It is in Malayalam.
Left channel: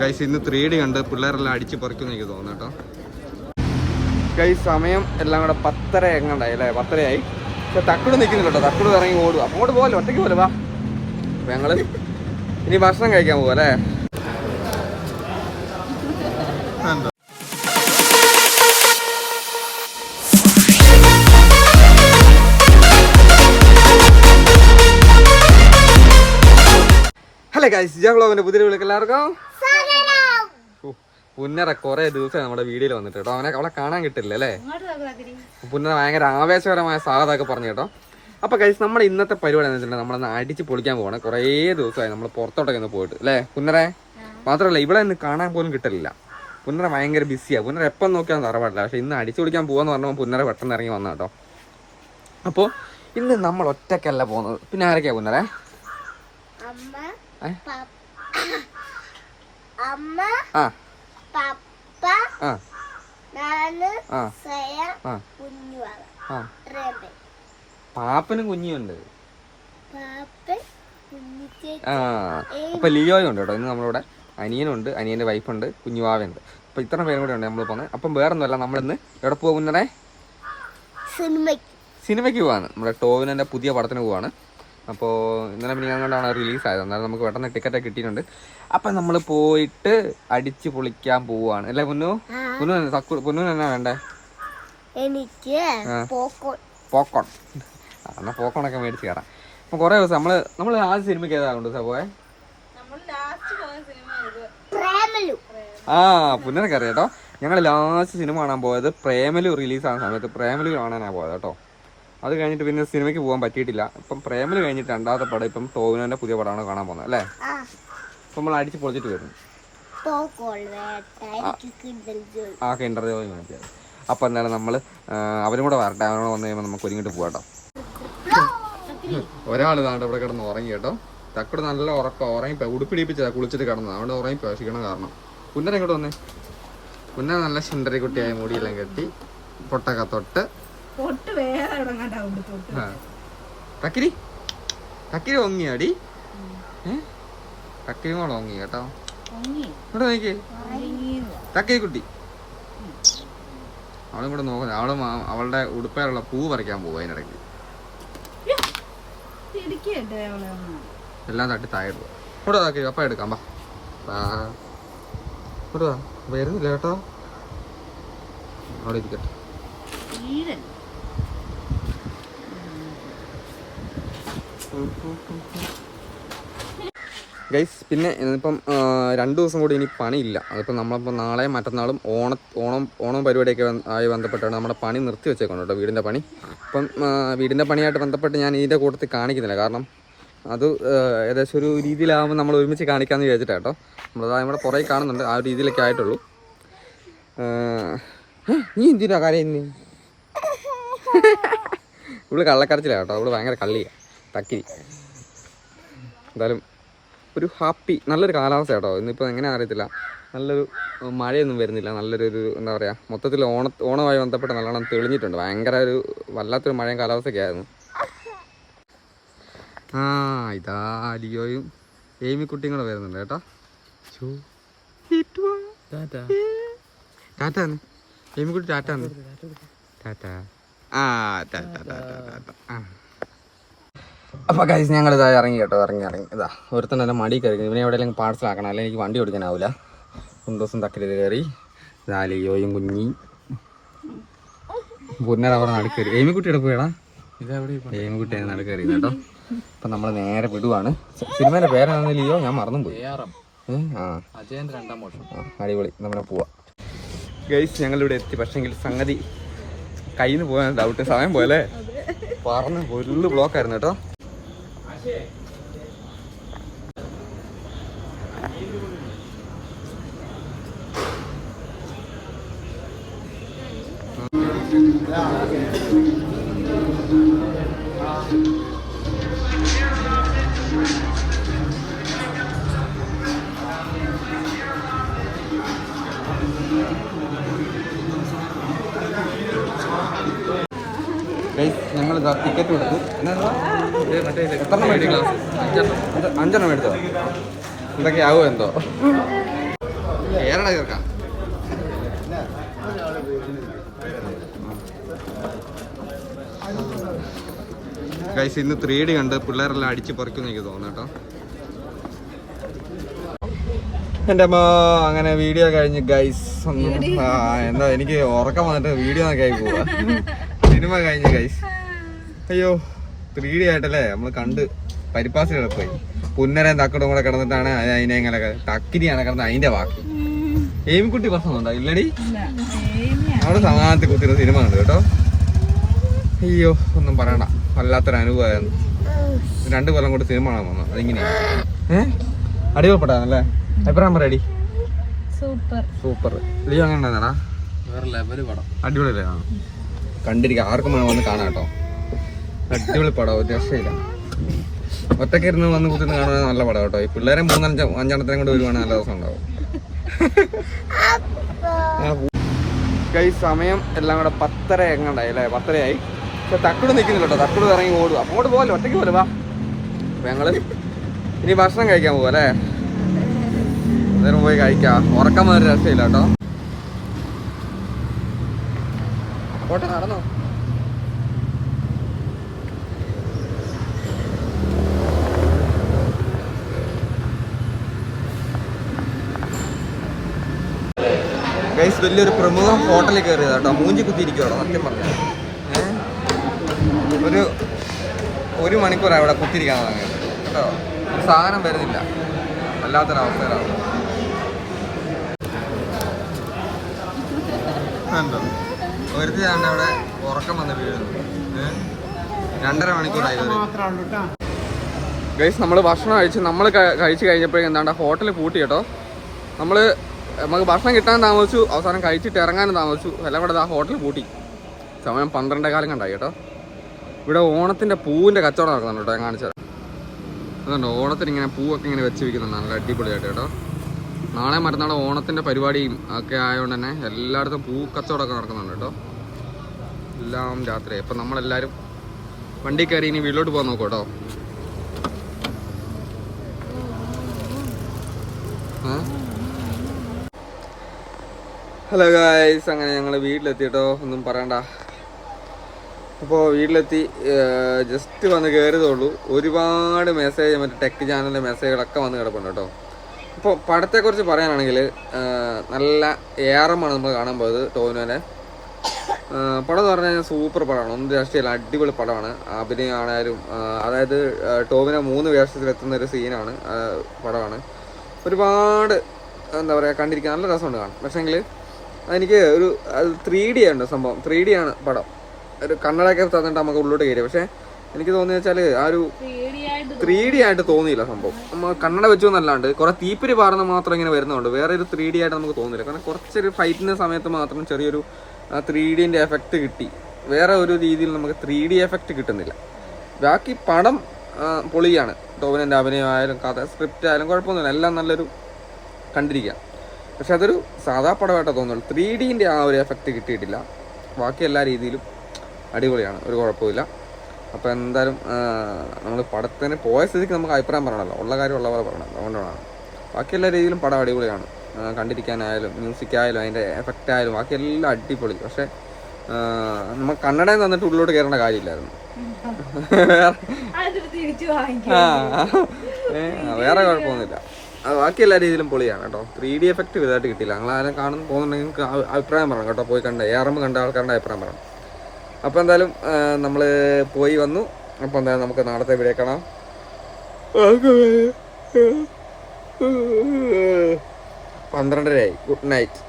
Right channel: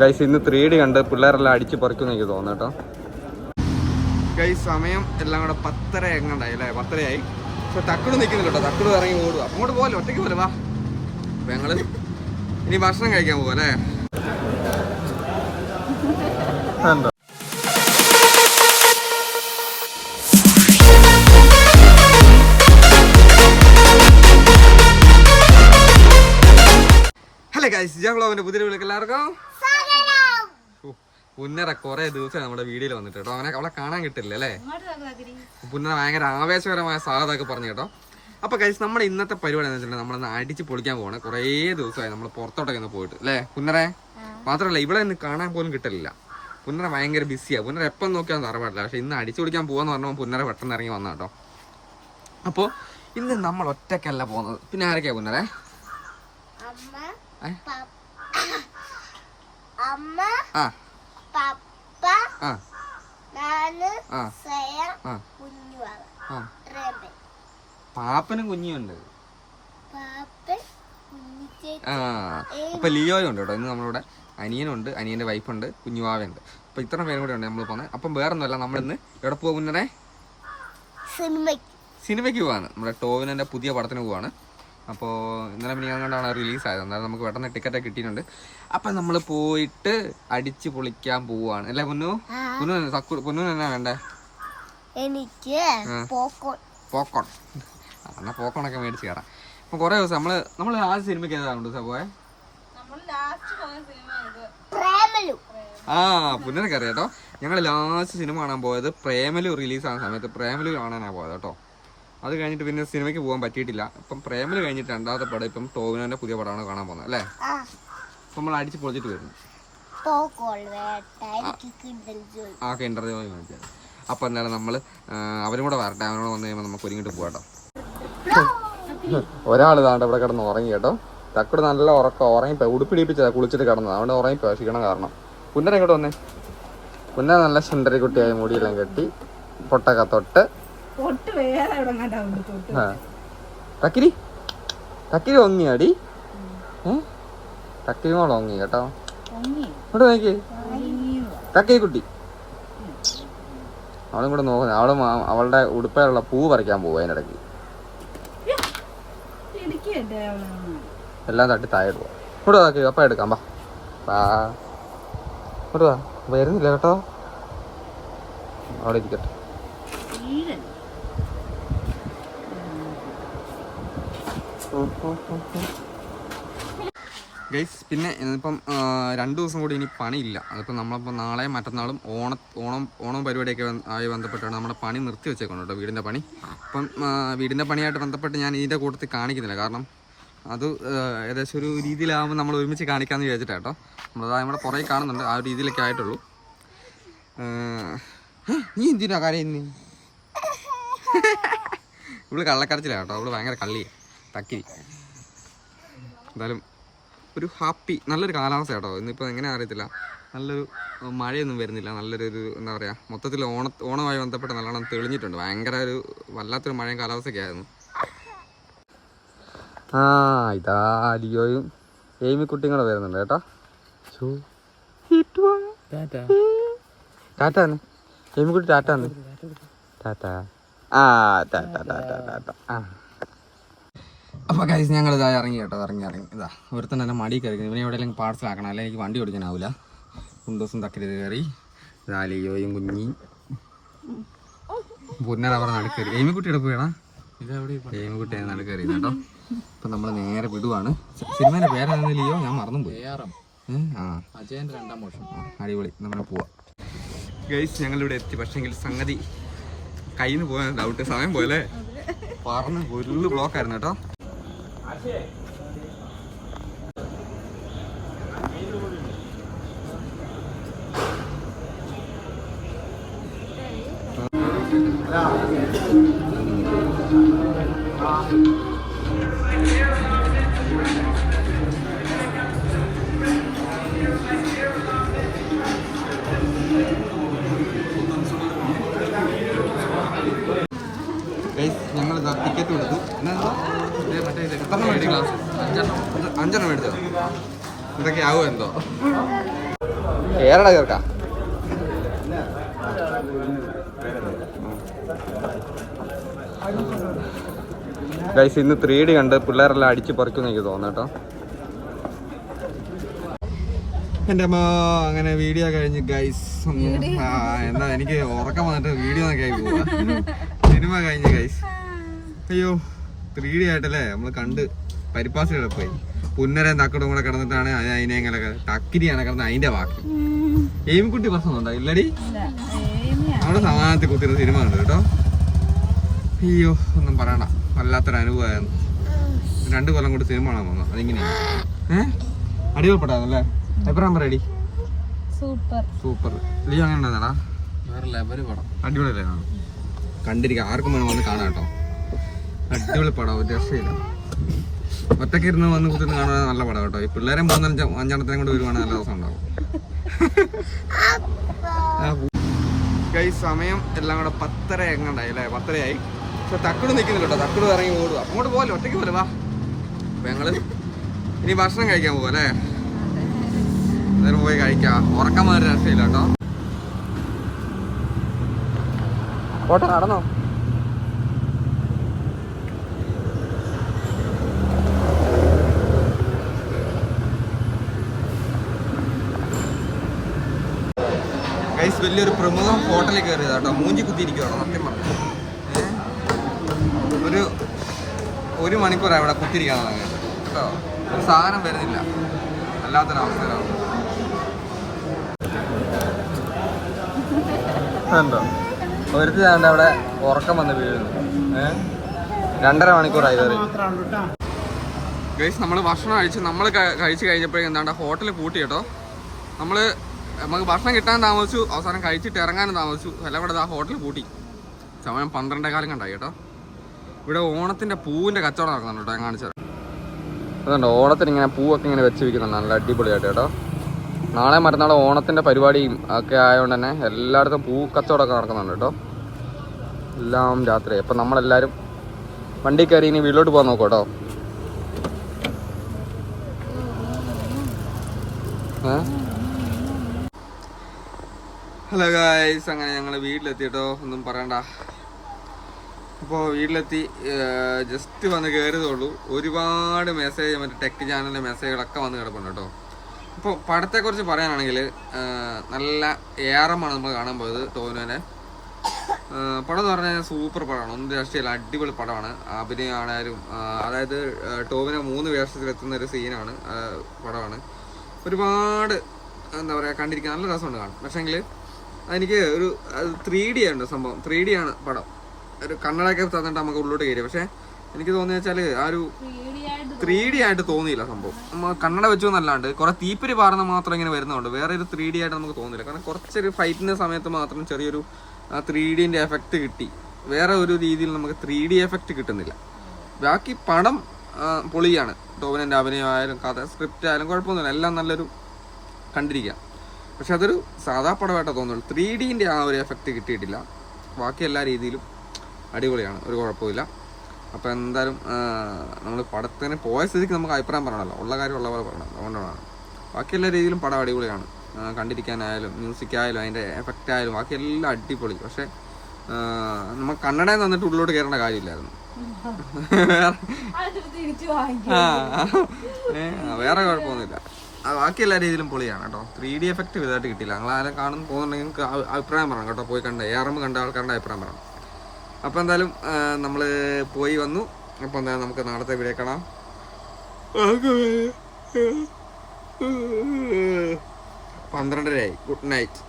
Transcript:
ഗൈസ് ഇന്ന് 3D കണ്ട് പിള്ളേരെല്ലാം അടിച്ച് പറിക്കുമെന്ന് എനിക്ക് തോന്നുന്നു കേട്ടോ. ഗൈസ് സമയം എല്ലാം കൂടെ 10:30 എങ്ങാണ്ടായി അല്ലേ, 10:30 പക്ഷെ തക്കുട് നിൽക്കുന്നില്ല കേട്ടോ. തക്കുട് ഇറങ്ങി ഓടുക. അങ്ങോട്ട് പോകല്ലോ, ഒറ്റയ്ക്ക് പോലെ വാ. അപ്പം ഞങ്ങൾ ഇനി ഭക്ഷണം കഴിക്കാൻ പോവാ അല്ലേ. ഹലോ ഗൈസ്, ജാഗ്ലോവിന്റെ പുതിയ വീട്ടിലേക്ക് എല്ലാവർക്കും പുന്നര കുറെ ദിവസം നമ്മുടെ വീഡിയോയിൽ വന്നിട്ട് കേട്ടോ. അവളെ കാണാൻ കിട്ടില്ല അല്ലേ. പുന്നര ഭയങ്കര ആവേശകരമായ സ്വാഗതമൊക്കെ പറഞ്ഞു കേട്ടോ. അപ്പൊ ഗൈസ് നമ്മുടെ ഇന്നത്തെ പരിപാടി എന്ന് വെച്ചിട്ടുണ്ടെങ്കിൽ നമ്മളൊന്ന് അടിച്ച് പൊളിക്കാൻ പോകണം. കുറേ ദിവസമായി നമ്മൾ പുറത്തോട്ടൊക്കെ ഒന്ന് പോയിട്ട് അല്ലേ പുന്നരെ. മാത്രമല്ല ഇവിടെ ഇന്ന് കാണാൻ പോലും കിട്ടില്ല. പുന്നര ഭയങ്കര ബിസിയാണ്. പുന്നര എപ്പം നോക്കിയാൽ തറവാട്ടില്ല. പക്ഷെ ഇന്ന് അടിച്ചു പൊളിക്കാൻ പോകാന്ന് പറഞ്ഞപ്പോൾ പുന്നര പെട്ടെന്ന് ഇറങ്ങി വന്ന കേട്ടോ. അപ്പോൾ ഇന്ന് നമ്മൾ ഒറ്റയ്ക്കല്ല പോകുന്നത്. പിന്നെ ആരൊക്കെയാ പുന്നരെ? പാപ്പനും കുഞ്ഞിയുണ്ട്. അപ്പൊ ലിയോയും ഉണ്ട് കേട്ടോ. ഇന്ന് നമ്മളിവിടെ അനിയനുണ്ട്, അനിയന്റെ വൈഫുണ്ട്, കുഞ്ഞുവാവുണ്ട്. അപ്പൊ ഇത്ര പേരും കൂടെ ഉണ്ട് നമ്മൾ പോകുന്നത്. അപ്പം വേറൊന്നുമല്ല, നമ്മളിന്ന് എവിടെ പോകുന്നേ? സിനിമയ്ക്ക് പോവാണ്. നമ്മുടെ ടോവിനന്റെ പുതിയ പടത്തിന് പോവാണ്. അപ്പോൾ ഇന്നലെ പിന്നെ അങ്ങോട്ടാണ് റിലീസായത്. എന്നാലും നമുക്ക് പെട്ടെന്ന് ടിക്കറ്റൊക്കെ കിട്ടിയിട്ടുണ്ട്. അപ്പം നമ്മൾ പോയിട്ട് അടിച്ച് പൊളിക്കാൻ പോവാണ് അല്ലേ പൊന്നു? പൊന്നു എന്നാ വേണ്ടേ? എനിക്ക് പോക്കോൺ. എന്നാൽ പോക്കോണൊക്കെ മേടിച്ച് കയറാം. അപ്പം കുറേ ദിവസം നമ്മൾ ആദ്യ സിനിമയ്ക്ക് ഏതാണ്ട് പോയെ? പുന്നരക്ക് അറിയാം കേട്ടോ. ഞങ്ങൾ ലാസ്റ്റ് സിനിമ കാണാൻ പോയത് പ്രേമലു റിലീസാകുന്ന സമയത്ത് പ്രേമലു കാണാനാണ് പോയത് കേട്ടോ. അത് കഴിഞ്ഞിട്ട് പിന്നെ സിനിമയ്ക്ക് പോകാൻ പറ്റിയിട്ടില്ല. ഇപ്പം പ്രേമല് കഴിഞ്ഞിട്ട് രണ്ടാമത്തെ പടം ഇപ്പം ടോവിനോന്റെ പുതിയ പടമാണ് കാണാൻ പോകുന്നത് അല്ലേ. ഇപ്പം നമ്മൾ അടിച്ച് പൊളിച്ചിട്ട് വരുന്നു. ഇന്റർവ്യൂ. അപ്പൊ എന്താണ് നമ്മള് അവരും കൂടെ വരട്ടെ. അവരോട് വന്നു കഴിയുമ്പോൾ നമുക്ക് ഒരുങ്ങിട്ട് പോകാട്ടോ. ഒരാൾ താണ്ട് ഇവിടെ കിടന്ന് ഉറങ്ങി കേട്ടോ. തക്കട് നല്ല ഉറക്കം. ഉറങ്ങി ഉടുപ്പിടിപ്പിച്ചതാ കുളിച്ചിട്ട് കിടന്നത്. അവിടെ ഉറങ്ങി പ്രവേശിക്കണം. കാരണം പുന്നര ഇങ്ങോട്ട് വന്നേ. പുന്നര നല്ല സുന്ദരി കുട്ടിയായി മുടിയെല്ലാം കെട്ടി പൊട്ടൊക്കെ തൊട്ട് തക്കിരി തക്കിരി ഒങ്ങിയാടി. തക്കിരി മോള് ഒങ്ങി കേട്ടോ. ഇങ്ങോട്ട് നോക്കി തക്കിരി കുട്ടി. അവളും കൂടെ നോക്കുന്നത്. അവളുടെ ഉടുപ്പയിലുള്ള പൂ പറിക്കാൻ പോകും. അതിനിടയ്ക്ക് എല്ലാം തട്ടി താഴെ പോവാ. ഇങ്ങോട്ട് നോക്കി അപ്പം എടുക്കാം. ഇങ്ങോട്ട് വാ. വരുന്നില്ല കേട്ടോ. അവിടെ ഇരിക്കട്ടെ. ഗൈസ് പിന്നെ ഇന്നിപ്പം 2 ദിവസം കൂടി ഇനി പണിയില്ല. അതിപ്പോൾ നമ്മളിപ്പോൾ നാളെയും മറ്റന്നാളും ഓണം പരിപാടിയൊക്കെ ആയി ബന്ധപ്പെട്ടാണ് നമ്മുടെ പണി നിർത്തി വെച്ചേക്കണം കേട്ടോ. വീടിൻ്റെ പണി. അപ്പം വീടിൻ്റെ പണിയായിട്ട് ബന്ധപ്പെട്ട് ഞാൻ ഇതിൻ്റെ കൂട്ടത്തിൽ കാണിക്കുന്നില്ല. കാരണം അത് ഏകദേശം ഒരു രീതിയിലാകുമ്പോൾ നമ്മൾ ഒരുമിച്ച് കാണിക്കാമെന്ന് വിചാരിച്ചിട്ടാണ് കേട്ടോ. നമ്മളത് നമ്മുടെ പുറകെ കാണുന്നുണ്ട്. ആ ഒരു രീതിയിലൊക്കെ ആയിട്ടുള്ളൂ. നീ എന്തിനാ കാര്യം? ഇവള് കള്ളക്കരച്ചിലാണ് കേട്ടോ. അവള് ഭയങ്കര കള്ളിയാണ്. തക്കിരി. എന്തായാലും ഒരു ഹാപ്പി നല്ലൊരു കാലാവസ്ഥ കേട്ടോ. ഇന്നിപ്പോൾ എങ്ങനെ അറിയത്തില്ല. നല്ലൊരു മഴയൊന്നും വരുന്നില്ല. നല്ലൊരു എന്താ പറയുക, മൊത്തത്തിൽ ഓണമായി ബന്ധപ്പെട്ട് നല്ലോണം തെളിഞ്ഞിട്ടുണ്ട്. ഭയങ്കര ഒരു വല്ലാത്തൊരു മഴയും കാലാവസ്ഥയൊക്കെ ആയിരുന്നു. ഇതാ ലിയോയും ഏമിക്കുട്ടിയും കൂടെ വരുന്നുണ്ട് കേട്ടോ. ടാറ്റാന്ന് ഏമിക്കുട്ടി. ടാറ്റാന്ന് ടാറ്റ. അപ്പോൾ ഗൈസ് ഞങ്ങൾ ഇതാ ഇറങ്ങി കേട്ടോ. ഇറങ്ങി ഇതാ ഒരുത്തൻ തന്നെ മടി കയറി. ഇവനെ എവിടെയെങ്കിലും പാഴ്സലാക്കണം, അല്ലെങ്കിൽ എനിക്ക് വണ്ടി ഓടിക്കാനാവില്ല. കുണ്ടൂസും തക്കരി കയറി. ഇതാ ലിയോയും കുഞ്ഞി പുന്നര അവിടെ നടുക്കയറി. ഏമിക്കുട്ടിയുടെ പോയടാ. ഏമിക്കുട്ടി നടുക്കയറി കേട്ടോ. അപ്പം നമ്മൾ നേരെ വിടുവാണ്. സിനിമേൻ്റെ പേരാണെന്ന് ലിയോ ഞാൻ മറന്നും പോയി. അടിപൊളി. നമ്മളെ പോവാം ഗൈസ്. ഞങ്ങളിവിടെ എത്തി. പക്ഷേങ്കിൽ സംഗതി കയ്യിൽ നിന്ന് പോകാൻ ഡൗട്ട്. സമയം പോലെ പറഞ്ഞ് ഫുള്ള് ബ്ലോക്കായിരുന്നു കേട്ടോ. ഞങ്ങൾ ടിക്കറ്റ് കൊടുത്തു. മറ്റേ എത്രണ്ണം മേടിച്ചു? ഗ്ലാസ് 5 മേടിച്ചോ? എന്തൊക്കെ ആവുമോ എന്തോ. കേരള കേൾക്കാം. ഗൈസ് ഇന്ന് 3D കണ്ട് പിള്ളേരെല്ലാം അടിച്ച് പറിക്കുമെന്ന് എനിക്ക് തോന്നുന്നു കേട്ടോ. എൻ്റെ അമ്മ അങ്ങനെ വീഡിയോ കഴിഞ്ഞ് ഗൈസ് എന്താ എനിക്ക് ഉറക്കം വന്നിട്ട് വീഡിയോ നോക്കി ആയി പോവാ. സിനിമ കഴിഞ്ഞ് ഗൈസ്. അയ്യോ 3D ആയിട്ടല്ലേ നമ്മൾ കണ്ട് പരിപ്പാസിൽ പോയി. പുന്നരയും തക്കടും കൂടെ കിടന്നിട്ടാണ് അതിനെ ഇങ്ങനെ തക്കിരിയാണ് കിടന്നത് അതിന്റെ ബാക്കി. എയിംകുട്ടി പ്രശ്നമുണ്ടോ ഇല്ലടി? അവിടെ സമാധാനത്തിൽ കുത്തിരുന്ന സിനിമ ഉണ്ട് കേട്ടോ. അയ്യോ ഒന്നും പറയണ്ട, വല്ലാത്തൊരു അനുഭവമായിരുന്നു. 2 കൊല്ലം കൊണ്ട് സിനിമ കാണാൻ വന്നു. അതിങ്ങനെയാണ് അടിപൊളിപ്പെട്ടാന്നല്ലേ? അഭിപ്രായം പറയടി. സൂപ്പർ. ലിയോ അങ്ങനെ ഉണ്ടായിരുന്നാ? വേറെ ലെവല് പടം. അടിപൊളിയല്ലേ? കണ്ടിരിക്കാം, ആർക്കും വേണം വന്ന് കാണാം കേട്ടോ. അടിപൊളി പടം, ഒരു രക്ഷയില്ല. ഒറ്റയ്ക്ക് ഇരുന്ന് വന്ന് കുത്തിന്ന് കാണാൻ നല്ല പടം കേട്ടോ. ഈ പിള്ളേരെ 3-5 കൊണ്ട് വരുവാണെങ്കിൽ നല്ല ദിവസം ഉണ്ടാവും. സമയം എല്ലാം കൂടെ 10:30 എങ്ങണ്ടായി അല്ലേ? 10:30 ആയി. പക്ഷെ തക്കട് നിൽക്കുന്നില്ല കേട്ടോ. തക്കട് ഇറങ്ങി ഓടുക. അങ്ങോട്ട് പോകല്ലോ, ഒറ്റയ്ക്ക് പോലെ വാ. അപ്പൊ ഞങ്ങള് ഇനി ഭക്ഷണം കഴിക്കാൻ പോവാ അല്ലേ? അന്നേരം പോയി കഴിക്കാം. ഉറക്കാൻ ഒരു രസമില്ല കേട്ടോ. പോട്ടെ, നടന്നോ. ഗൈസ് വലിയൊരു പ്രമുഖ ഹോട്ടലിൽ കയറിയതാ കേട്ടോ. മൂഞ്ചി കുത്തിയിരിക്കുവാണോ സത്യം പറഞ്ഞത്. ഒരു മണിക്കൂറാണ് ഇവിടെ കുത്തിരിക്കാൻ തുടങ്ങിയത് കേട്ടോ. സാധനം വരുന്നില്ല, വല്ലാത്തൊരവസ്ഥയിലാണ്. ഉണ്ടോ ഒരുത്തിണ്ട് അവിടെ ഉറക്കം വന്ന് വീഴുന്നുണ്ട്. 2.5 മണിക്കൂറായി കയറി. ഗൈസ് നമ്മൾ ഭക്ഷണം കഴിച്ച് കഴിഞ്ഞപ്പോഴേക്കും എന്താണ്ട് ഹോട്ടൽ പൂട്ടി കേട്ടോ. നമുക്ക് ഭക്ഷണം കിട്ടാൻ താമസിച്ചു, അവസാനം കഴിച്ചിട്ട് ഇറങ്ങാനും താമസിച്ചു. എല്ലാം കൂടെ ആ ഹോട്ടൽ പൂട്ടി. സമയം 12:15 കണ്ടായി കേട്ടോ. ഇവിടെ ഓണത്തിൻ്റെ പൂവിൻ്റെ കച്ചവടം നടക്കുന്നുണ്ട് കേട്ടോ. ഞാൻ കാണിച്ചു തരാം. അതുകൊണ്ട് ഓണത്തിന് ഇങ്ങനെ പൂവൊക്കെ ഇങ്ങനെ വെച്ച് വയ്ക്കുന്നുണ്ട് നല്ല അടിപൊളിയായിട്ട് കേട്ടോ. നാളെ മറ്റന്നാൾ ഓണത്തിൻ്റെ പരിപാടിയും ഒക്കെ ആയതുകൊണ്ട് തന്നെ എല്ലായിടത്തും പൂ കച്ചവടമൊക്കെ നടക്കുന്നുണ്ട് കേട്ടോ. എല്ലാം രാത്രി. അപ്പം നമ്മളെല്ലാവരും വണ്ടി കയറി ഇനി വീട്ടിലോട്ട് പോകാൻ നോക്കും കേട്ടോ. ഹലോ ഗായ്സ്, അങ്ങനെ ഞങ്ങൾ വീട്ടിലെത്തി കേട്ടോ. ഒന്നും പറയണ്ട. അപ്പോൾ വീട്ടിലെത്തി ജസ്റ്റ് വന്ന് കയറിയതേ ഉള്ളൂ. ഒരുപാട് മെസ്സേജ് മറ്റേ ടെക് ചാനലിലെ മെസ്സേജുകളൊക്കെ വന്ന് കിടപ്പുണ്ട് കേട്ടോ. അപ്പോൾ പടത്തെക്കുറിച്ച് പറയാനാണെങ്കിൽ നല്ല ഏറമാണ് നമ്മൾ കാണാൻ പോയത്. ടോവിനോനെ പടം എന്ന് പറഞ്ഞു കഴിഞ്ഞാൽ സൂപ്പർ പടമാണ്. ഒന്നും രാഷ്ട്രീയല്ല, അടിപൊളി പടമാണ്. അഭിനയം ആണായാലും അതായത് ടോവിനോ 3 വേഷത്തിലെത്തുന്ന ഒരു സീനാണ് പടമാണ്. ഒരുപാട് എന്താ പറയുക, കണ്ടിരിക്കാൻ നല്ല രസമുണ്ട് കാണാൻ. പക്ഷേങ്കിൽ എനിക്ക് ഒരു 3D ഉണ്ട് സംഭവം. 3D ആണ് പടം. ഒരു കണ്ണടയൊക്കെ തന്നിട്ട് നമുക്ക് ഉള്ളിലോട്ട് കയറി. പക്ഷെ എനിക്ക് തോന്നിയ വെച്ചാൽ ആ ഒരു 3D ആയിട്ട് തോന്നിയില്ല സംഭവം. നമ്മൾ കണ്ണട വെച്ചു എന്നല്ലാണ്ട് കുറെ തീപ്പിരി പാടുന്ന മാത്രം ഇങ്ങനെ വരുന്നുണ്ട്. വേറെ ഒരു 3D ആയിട്ട് നമുക്ക് തോന്നില്ല. കാരണം കുറച്ചൊരു ഫൈറ്റിന്റെ സമയത്ത് മാത്രം ചെറിയൊരു 3Dന്റെ എഫക്റ്റ് കിട്ടി. വേറെ ഒരു രീതിയിൽ നമുക്ക് 3D എഫക്റ്റ് കിട്ടുന്നില്ല. ബാക്കി പടം പൊളിയാണ്. ടോവിനോന്റെ അഭിനയമായാലും കഥ സ്ക്രിപ്റ്റ് ആയാലും കുഴപ്പമൊന്നുമില്ല, എല്ലാം നല്ലൊരു കണ്ടിരിക്കാം. പക്ഷെ അതൊരു സാധാ പടമായിട്ടാണ് തോന്നുള്ളൂ. 3Dന്റെ ആ ഒരു എഫക്റ്റ് കിട്ടിയിട്ടില്ല. ബാക്കി എല്ലാ രീതിയിലും അടിപൊളിയാണ്, ഒരു കുഴപ്പമില്ല. അപ്പോൾ എന്തായാലും നമ്മൾ പടത്തിന് പോയ സ്ഥിതിക്ക് നമുക്ക് അഭിപ്രായം പറയണമല്ലോ, ഉള്ള കാര്യം ഉള്ള പോലെ പറയണം. അതുകൊണ്ടാണ്. ബാക്കി എല്ലാ രീതിയിലും പടം അടിപൊളിയാണ്. കണ്ടിരിക്കാനായാലും മ്യൂസിക്കായാലും അതിൻ്റെ എഫക്റ്റ് ആയാലും ബാക്കി എല്ലാം അടിപൊളി. പക്ഷെ നമ്മൾ കന്നഡയിൽ തന്നിട്ട് ഉള്ളിലോട്ട് കയറേണ്ട കാര്യമില്ലായിരുന്നു. വേറെ കുഴപ്പമൊന്നുമില്ല. ബാക്കി എല്ലാ രീതിയിലും പൊളിയാണ് കേട്ടോ. 3D എഫക്റ്റ് വലുതായിട്ട് കിട്ടിയില്ല. നിങ്ങളാരും കാണുന്നു പോകുന്നുണ്ടെങ്കിൽ നിങ്ങൾക്ക് അഭിപ്രായം പറയണം കേട്ടോ. പോയി കണ്ട ARM കണ്ട ആൾക്കാരുടെ അഭിപ്രായം പറയണം. അപ്പോൾ എന്തായാലും നമ്മൾ പോയി വന്നു. അപ്പോൾ എന്തായാലും നമുക്ക് നാളത്തെ വീഡിയോ കാണാം. 12:30 ആയി. Good night.